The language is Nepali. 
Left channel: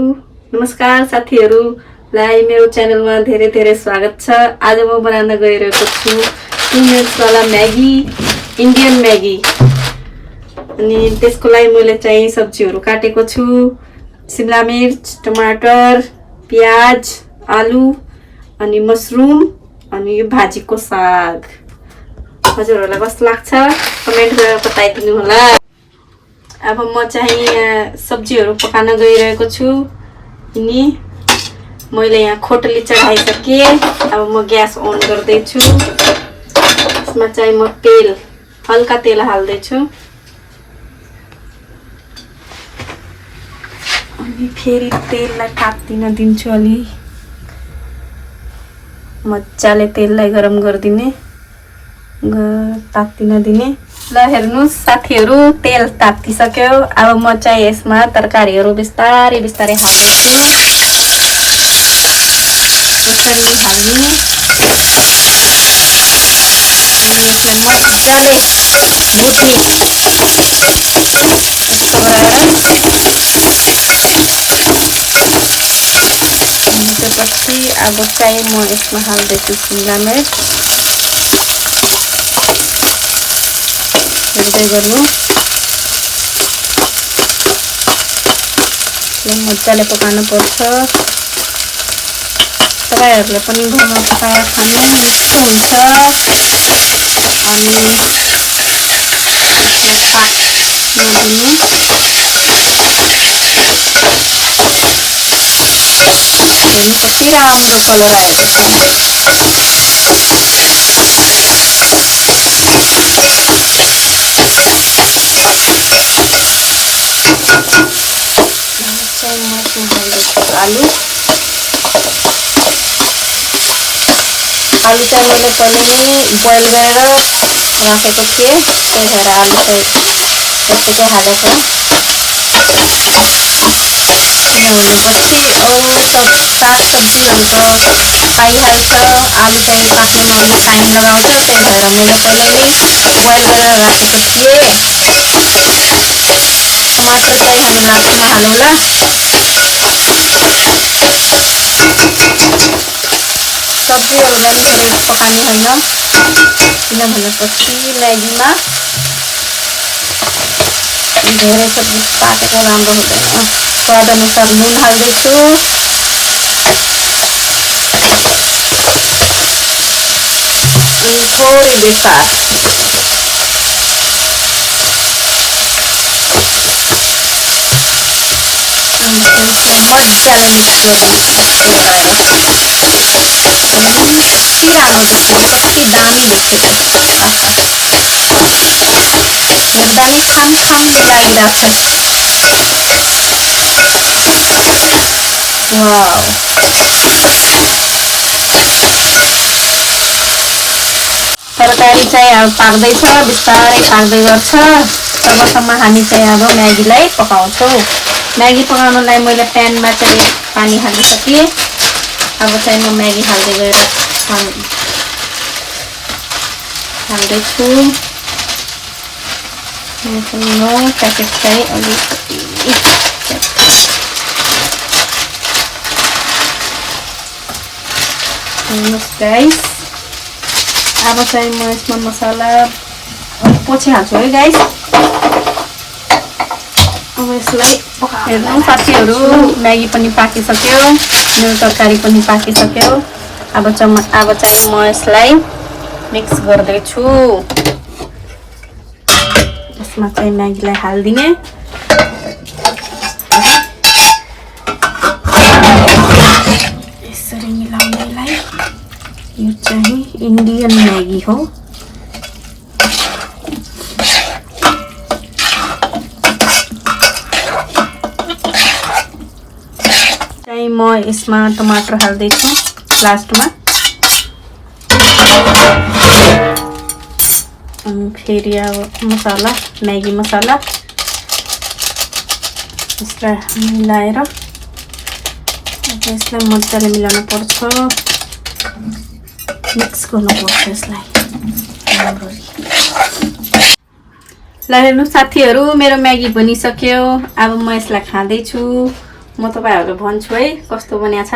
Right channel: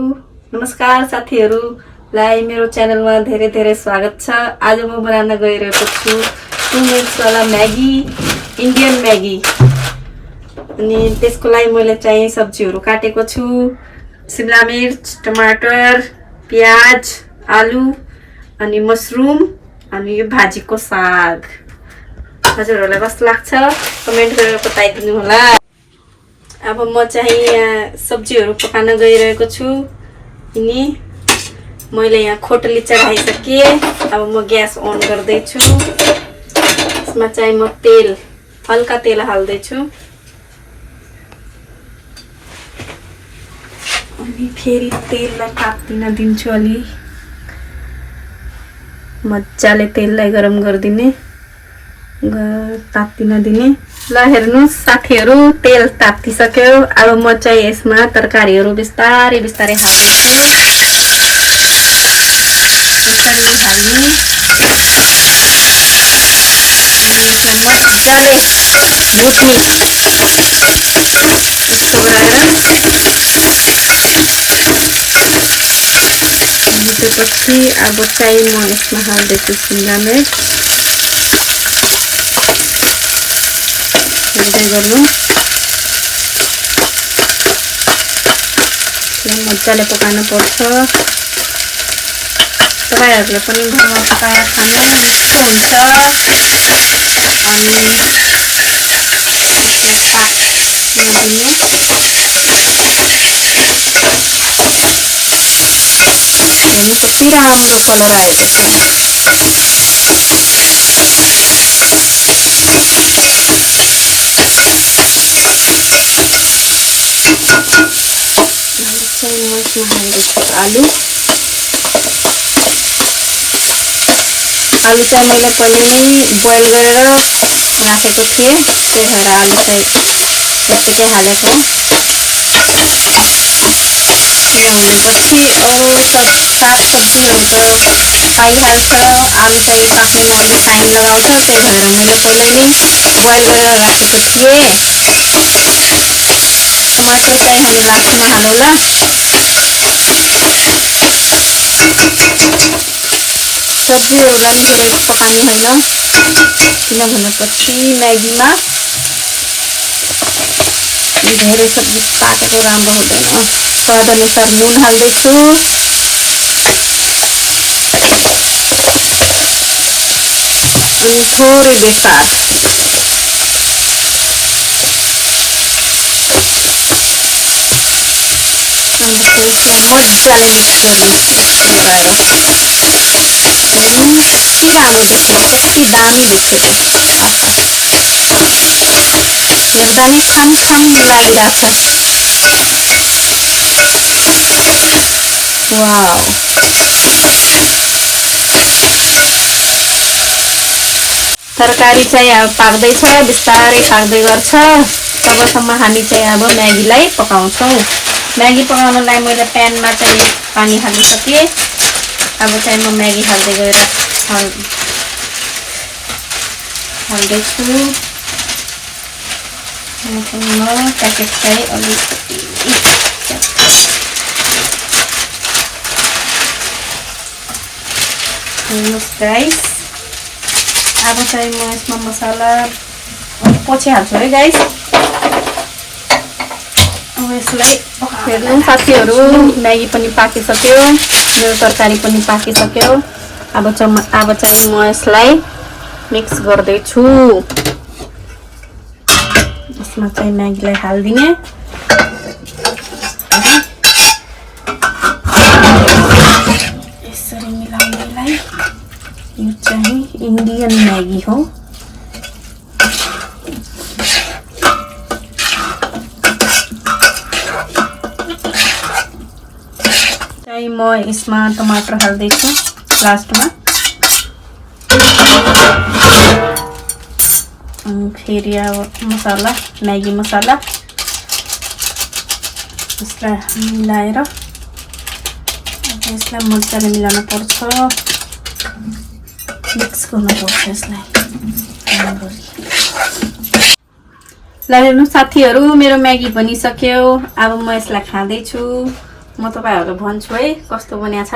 नमस्कार साथीहरुलाई मेरो च्यानलमा धेरै धेरै स्वागत छ। आज म बनाउन गइरहेको छु 2 मिनट्स वाला म्यागी, इन्डियन म्यागी। अनि त्यसको लागि मैले चाहिँ सब्जीहरु काटेको छु। शिमला मिर्च, टमाटर, प्याज, आलु अनि मशरुम अनि यो भाजीको साग। हजुरहरुलाई कस्तो लाग्छ कमेन्ट गरेर बताइदिनु होला। अब म चाहिँ सब्जीहरु पकाउन गइरहेको छु। अनि मैले यहाँ खोटली चढाइसके। अब म ग्यास अन गर्दै छु। यसमा चाहिँ म तेल हल्का तेल हाल्दै छु। अनि फेरि तेललाई तात्तिन दिन्छु। अलि मज्जाले तेललाई गरम गरिदिने, तात्तिन दिने। ल हेर्नुस् साथीहरु, तेल तात्तिसक्यो। अब म चाहिँ यसमा तरकारीहरु बिस्तारै बिस्तारै हाल्दै छु। यसरी हाल्ने अनि यसलाई मज्जाले भुट्ने। यस्तो गरेर भुटेपछि अब चाहिँ म यसमा हाल्दैछु शिमला मिर्च। हेर्दै गर्नु, मजाले पकाउन पर्छ। तपाईहरुले पनि घरमा पकाएर खानु मिठो हुन्छ। अनि यसलाई पाक्न दिनु। हेर्नु कति राम्रो कलर आएको छ। आलु चाहिँ मैले पहिले नै बोइल गरेर राखेको थिएँ, त्यही भएर आलु चाहिँ यतिकै हालेको। किनभनेपछि अरू सागसब्जीहरू त पाइहाल्छ, आलु चाहिँ पाक्नुमा अलिक टाइम लगाउँछ। त्यही भएर मैले पहिले नै बोइल गरेर राखेको थिएँ। टमाटर चाहिँ हामी लास्टमा हालौँला। सब्जीहरूलाई मिहिनेत पकाउने होइन, किनभनेपछि म्यागीमा धेरै सब्जी पाकेको राम्रो हुँदैन। स्वाद अनुसार नुन हाल्दैछु। अनि थोरै बेसार। अनि त्यसलाई मजाले मिक्स गरिदिन्छु। यस्तो गराएर कति राम्रो देखियो, कति दामी देखियो। एकदमै खाम लागिरहेछ। वाउ, तरकारी चाहिँ अब पाक्दैछ, बिस्तारै पाक्दै गर्छ। तबसम्म हामी चाहिँ अब म्यागीलाई पकाउँछौँ। म्यागी पकाउनलाई मैले प्यानमा चाहिँ पानी हालिसकेँ। अब चाहिँ म म्यागी हाल्दै गएर हाल्दैछु। म प्याकेट चाहिँ अलिकति हेर्नुहोस् गाइस। अब चाहिँ म यसमा मसला पछि हाल्छु है गाइस। अब यसलाई हेर्नु साथीहरु, म्यागी पनि पाकिसक्यो, मेरो तरकारी पनि पाकिसक्यो। अब चाहिँ म यसलाई मिक्स गर्दैछु। यसमा चाहिँ म्यागीलाई हाल्दिने। यसरी मिलाउनेलाई यो चाहिँ इन्डियन म्यागी हो। म यसमा टमाटर हाल्दैछु लास्टमा। अनि फेरि अब मसला, म्यागी मसला यसलाई मिलाएर यसलाई मजाले मिलाउनु पर्छ, मिक्स गर्नु पर्छ यसलाई। ल हेर्नु साथीहरु, मेरो म्यागी बनिसक्यो। अब म यसलाई खाँदैछु। म तपाईहरुलाई भन्छु है कस्तो बनिया छ